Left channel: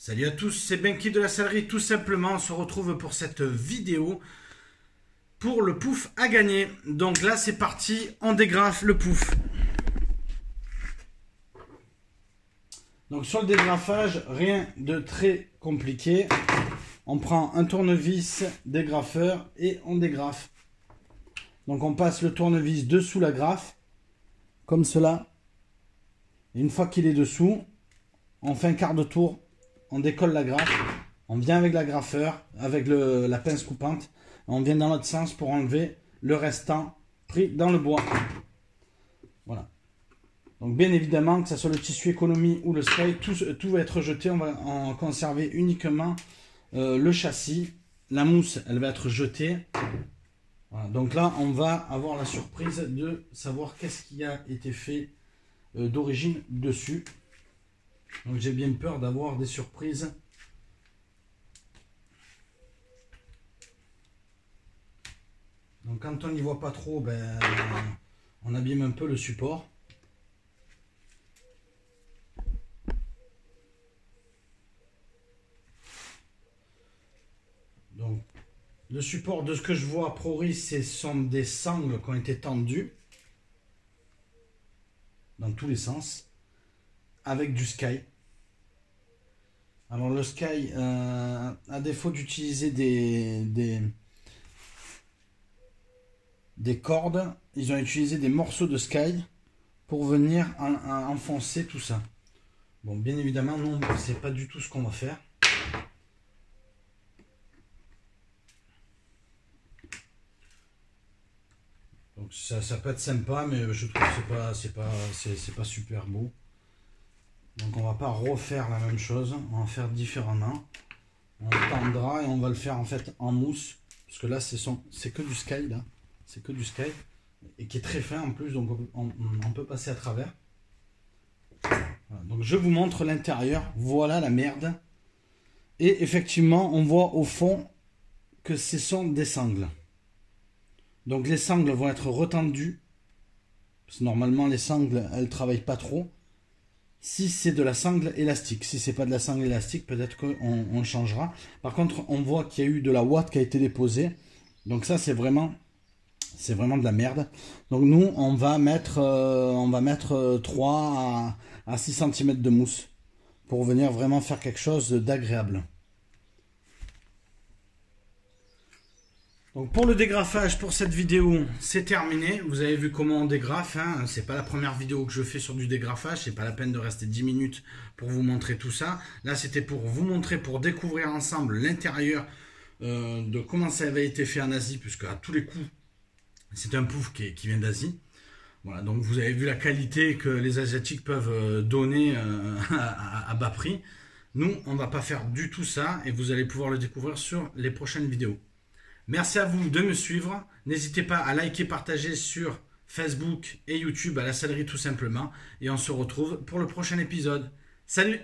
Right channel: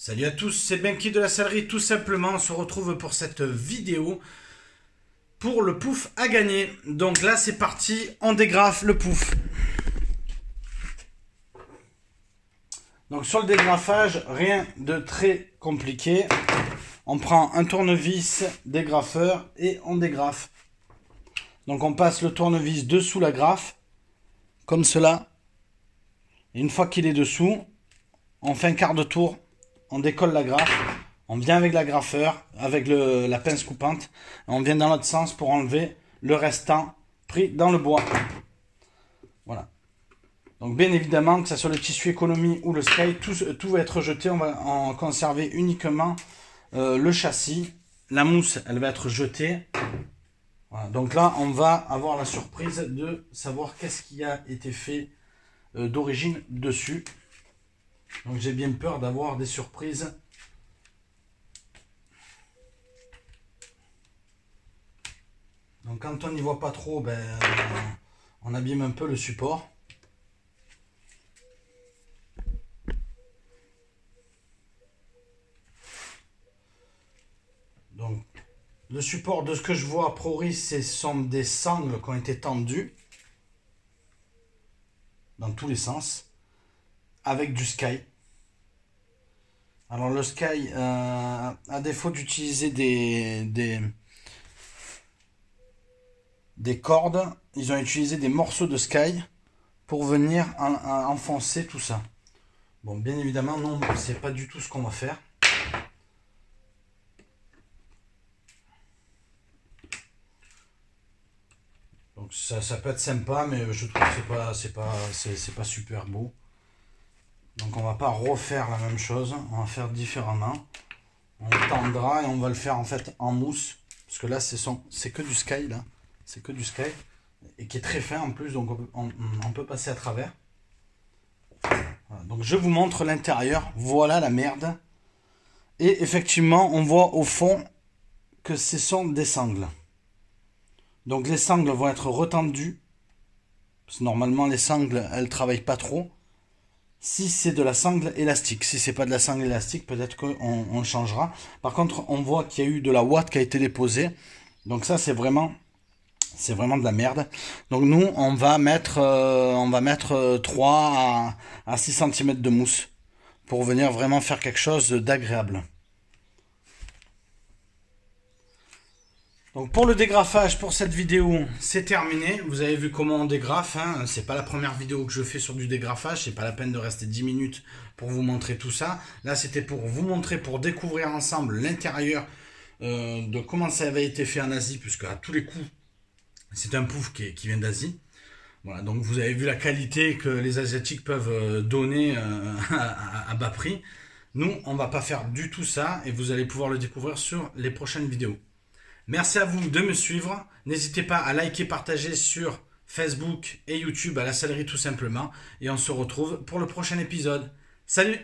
Salut à tous, c'est Benki de la Sellerie. Tout simplement, on se retrouve pour cette vidéo pour le pouf à gagner. Donc là, c'est parti, on dégrafe le pouf. Donc sur le dégrafage, rien de très compliqué. On prend un tournevis dégrafeur et on dégrafe. Donc on passe le tournevis dessous la grafe, comme cela. Et une fois qu'il est dessous, on fait un quart de tour. On décolle la grafe, on vient avec l'agrafeur, avec la pince coupante, on vient dans l'autre sens pour enlever le restant pris dans le bois. Voilà. Donc bien évidemment, que ce soit le tissu économie ou le sky, tout va être jeté. On va en conserver uniquement le châssis. La mousse, elle va être jetée. Voilà. Donc là, on va avoir la surprise de savoir qu'est-ce qui a été fait d'origine dessus. Donc j'ai bien peur d'avoir des surprises. Donc quand on n'y voit pas trop, on abîme un peu le support. Donc le support, de ce que je vois, Proris, ce sont des sangles qui ont été tendues dans tous les sens, avec du sky. Alors le sky, à défaut d'utiliser des cordes, ils ont utilisé des morceaux de sky pour venir enfoncer tout ça. Bon, bien évidemment, non, c'est pas du tout ce qu'on va faire. Donc ça peut être sympa, mais je trouve que c'est pas super beau. Donc on va pas refaire la même chose, on va faire différemment. On tendra et on va le faire en fait en mousse, parce que là c'est que du sky là, c'est que du sky et qui est très fin en plus, donc on peut passer à travers. Voilà, donc je vous montre l'intérieur, voilà la merde. Et effectivement on voit au fond que ce sont des sangles. Donc les sangles vont être retendues, parce que normalement les sangles elles travaillent pas trop. Si c'est de la sangle élastique, si c'est pas de la sangle élastique, peut-être qu'on changera. Par contre, on voit qu'il y a eu de la ouate qui a été déposée. Donc ça, c'est vraiment de la merde. Donc nous, on va mettre 3 à 6 cm de mousse pour venir vraiment faire quelque chose d'agréable. Donc pour le dégrafage, pour cette vidéo, c'est terminé. Vous avez vu comment on dégrafe, hein. C'est pas la première vidéo que je fais sur du dégrafage. C'est pas la peine de rester 10 minutes pour vous montrer tout ça. Là, c'était pour vous montrer, pour découvrir ensemble l'intérieur de comment ça avait été fait en Asie, puisque à tous les coups, c'est un pouf qui vient d'Asie. Voilà, donc vous avez vu la qualité que les Asiatiques peuvent donner à bas prix. Nous, on va pas faire du tout ça et vous allez pouvoir le découvrir sur les prochaines vidéos. Merci à vous de me suivre. N'hésitez pas à liker, partager sur Facebook et YouTube à la Sellerie tout simplement. Et on se retrouve pour le prochain épisode. Salut!